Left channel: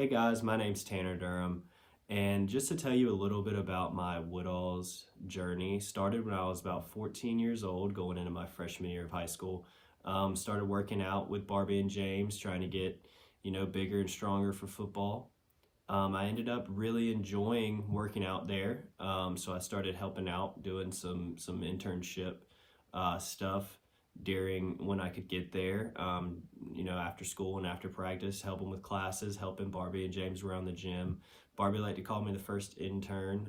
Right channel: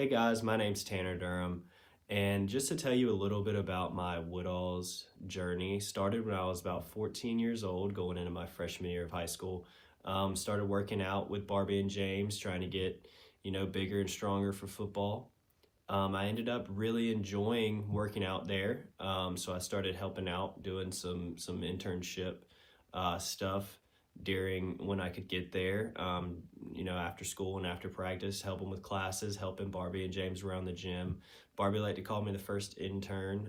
Hey guys, my name's Tanner Durham, and just to tell you a little bit about my Woodall's journey, started when I was about 14 years old, going into my freshman year of high school. Started working out with Barbie and James, trying to get, bigger and stronger for football. I ended up really enjoying working out there, so I started helping out, doing some internship stuff during when I could get there, after school and after practice, helping with classes, helping Barbie and James around the gym. Barbie liked to call me the first intern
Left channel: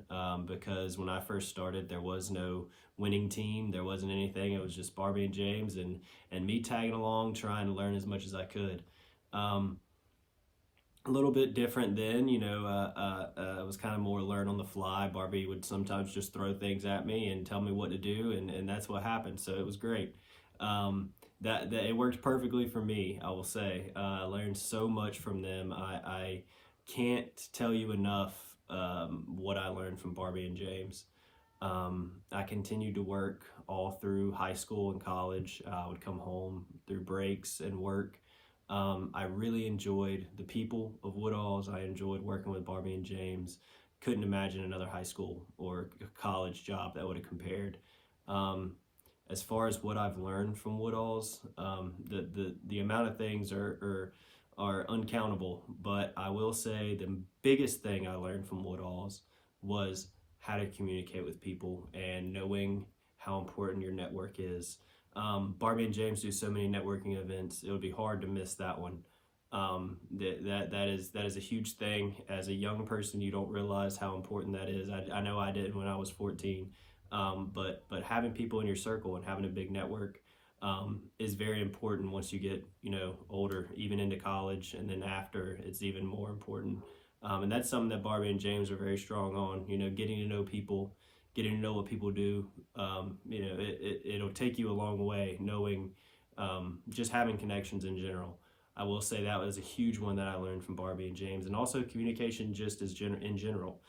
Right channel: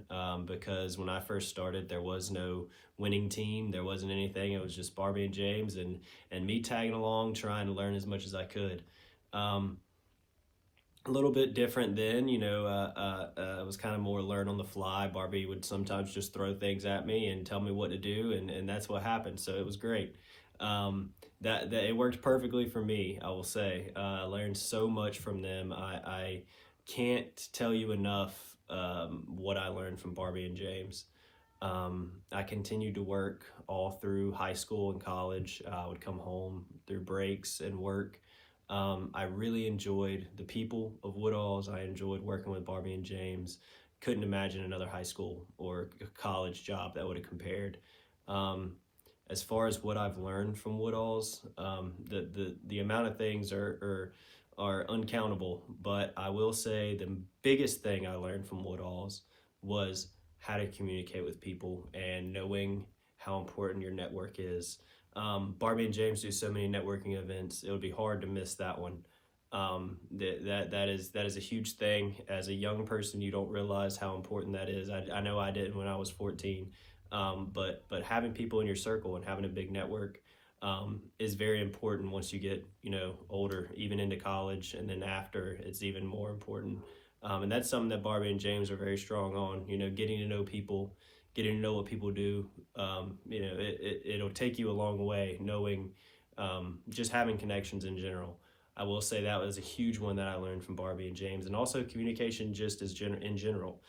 because when I first started, there was no winning team. There wasn't anything. It was just Barbie and James and me tagging along, trying to learn as much as I could. A little bit different then, it was kind of more learn on the fly. Barbie would sometimes just throw things at me and tell me what to do, and that's what happened. So it was great. That it worked perfectly for me, I will say. I learned so much from them. I can't tell you enough what I learned from Barbie and James. I continued to work all through high school and college. I would come home through breaks and work. I really enjoyed the people of Woodall's. I enjoyed working with Barbie and James. Couldn't imagine another high school or college job that would have compared. As far as what I've learned from Woodall's, the amount of things are uncountable. But I will say the biggest thing I learned from Woodall's was how to communicate with people and knowing how important your network is. Barbie and James do so many networking events. It would be hard to miss that one. That is a huge thing. As a young person, you don't realize how important that is. I know I did when I was 14. But having people in your circle and having a big network is very important once you get older, even into college, and then after it's even more important. And that's something that Barbie and James are very strong on. Getting to know people, getting to know what people do. It'll take you a long way knowing, just having connections in general. I will say that was a huge one that I learned from Barbie and James, and also communication just as in general.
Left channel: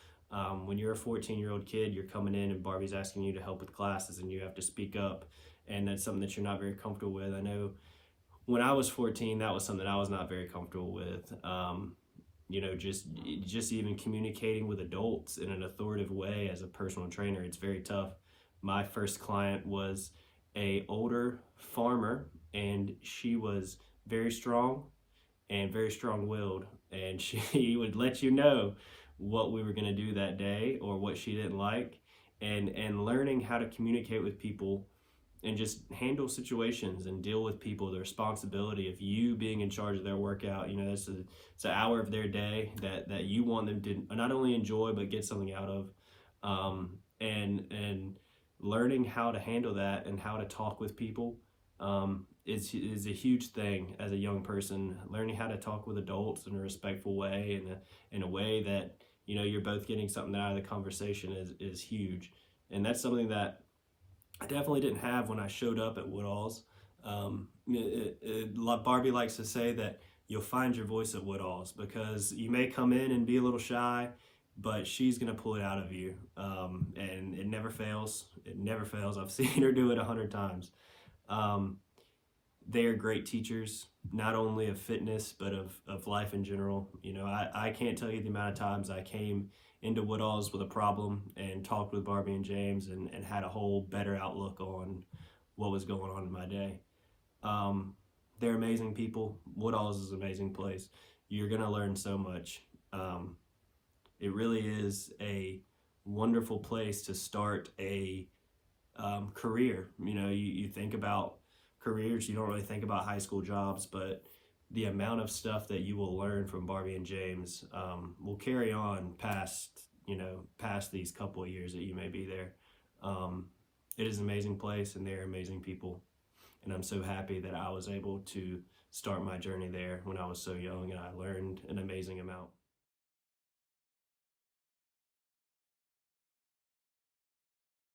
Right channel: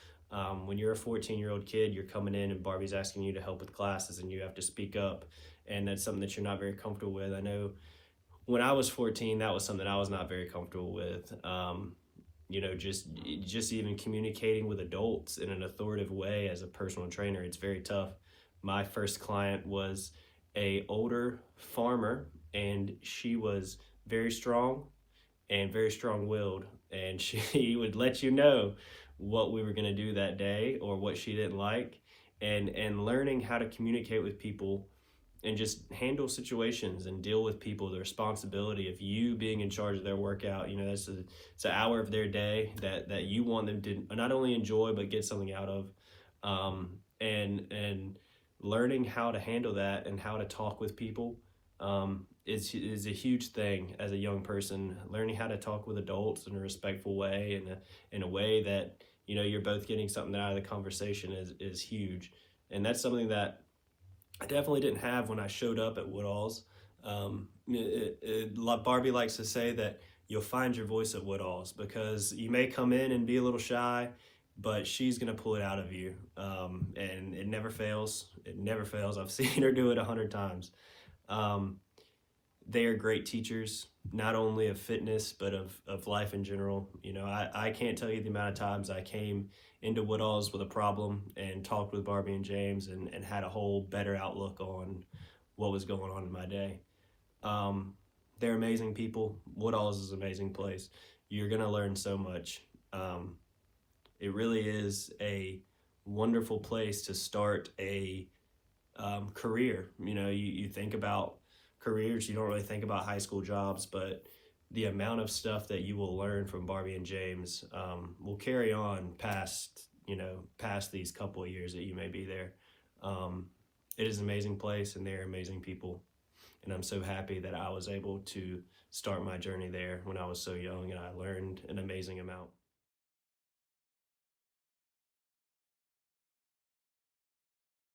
When you're a 14-year-old kid, you're coming in and Barbie's asking you to help with classes and you have to speak up, and that's something that you're not very comfortable with. I know when I was 14, that was something I was not very comfortable with. Just even communicating with adults in an authoritative way as a personal trainer, it's very tough. My first client was a older farmer, and she was very strong and very strong-willed, and she would let you know what we were going to do that day or what she didn't like, and learning how to communicate with people and just handle situations and deal with people, the responsibility of you being in charge of their workout. It's an hour of their day that you want them to not only enjoy but get something out of, and learning how to handle that and how to talk with people is a huge thing as a young person. Learning how to talk with adults in a respectful way and in a way that you're both getting something out of the conversation is huge. And that's something that I definitely didn't have when I showed up at Woodall's. Barbie likes to say that you'll find your voice at Woodall's because you may come in and be a little shy, but she's going to pull it out of you. And it never fails. It never fails. I've seen her do it 100 times. They are great teachers, not only of fitness, but of life in general. I can't tell you the amount of times I came into Woodall's with a problem and talked with Barbie and James and had a whole better outlook on what was going on in my day. They're amazing people. Woodall's is an amazing place. You're going to learn so much. It really is a wonderful place to start a career. You think about careers, you don't really think about high school jobs, but the amount of stuff that you will learn from Barbie and James will carry on past these couple of years that you may be there. It is an amazing place, and they're amazing people, and I'm so happy that I was able to start my journey there when I was so young, and I learned an amazing amount.